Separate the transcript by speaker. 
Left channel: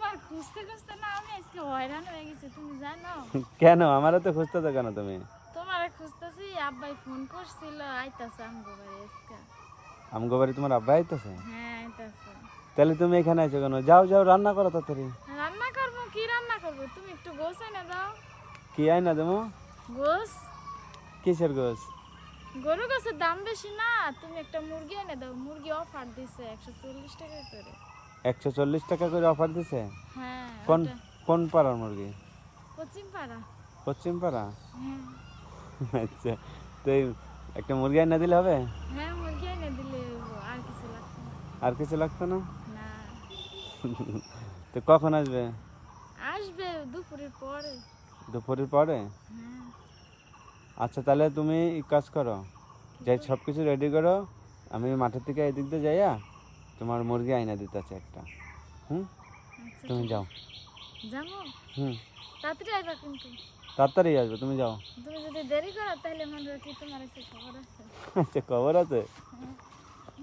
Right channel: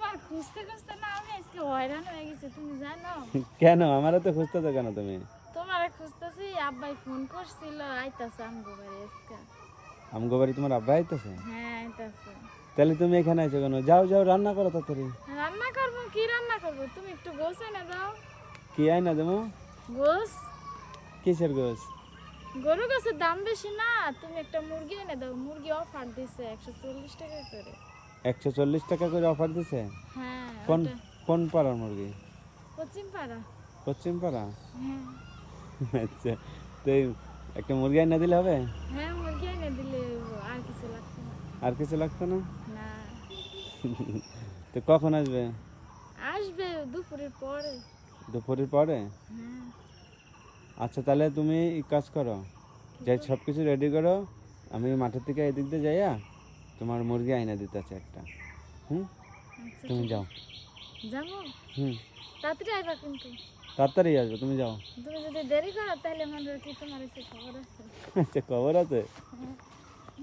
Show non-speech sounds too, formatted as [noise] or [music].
Speaker 1: তোমার খুঁজতে খুঁজতে না আমি আজকে হয়রান হয়ে গেছি তুমি জানো? [laughs]
Speaker 2: কেন? আমারও তো খুঁজতেছো কেন তুমি?
Speaker 1: তোমার খুঁজতেছি আব্বাই ফোন করছিল আইতাছে আমগো বাড়ি আজকে।
Speaker 2: আমগো বাড়ি তোমার আব্বা আইতেছে?
Speaker 1: হ্যাঁ আইতাছে।
Speaker 2: তাহলে তুমি এখানে আছো কেন? যাও যাও রান্না করো তাড়াতাড়ি।
Speaker 1: রান্না করব কি রান্না করব? তুমি একটু গোস এনে দাও।
Speaker 2: কি আই না দেবো?
Speaker 1: গোস
Speaker 2: কিসের গোস
Speaker 1: গরু গাছের দাম বেশি না তুমি একটা মুরগি এনে দাও। মুরগি অফার দিছে একশো চল্লিশ টাকা করে।
Speaker 2: একশো চল্লিশ টাকা করে অফার দিছে?
Speaker 1: হ্যাঁ
Speaker 2: কোন কোন পাড়ার মুরগি?
Speaker 1: পশ্চিম পাড়া
Speaker 2: পশ্চিম পাড়া
Speaker 1: হ্যাঁ।
Speaker 2: আচ্ছা তো একটা মুরগি আইনা দিলে হবে?
Speaker 1: হ্যাঁ মুরগি এনে দিলে আর কিছু লাগছে না।
Speaker 2: আর কিছু লাগতো না?
Speaker 1: না।
Speaker 2: তো কখন আসবে?
Speaker 1: আসবে দুপুরের পরে।
Speaker 2: দুপুরের পরে?
Speaker 1: হ্যাঁ।
Speaker 2: আচ্ছা তাহলে তুমি কাজ করো যাই সব কিছু রেডি করো আমি মাঠের থেকে এদিক দিয়ে যাইয়া তোমার মুরগি আইনা দিতেছে একটা। হুম?
Speaker 1: আচ্ছা
Speaker 2: তুমি যাও।
Speaker 1: যাব?
Speaker 2: হুম।
Speaker 1: তাড়াতাড়ি আইবা কিন্তু।
Speaker 2: তাড়াতাড়ি আসবে তুমি যাও।
Speaker 1: তুমি যদি দেরি করো তাহলে মনে রাখি তোমার খবর আছে। [laughs]
Speaker 2: খবর আছে?
Speaker 1: হ্যাঁ।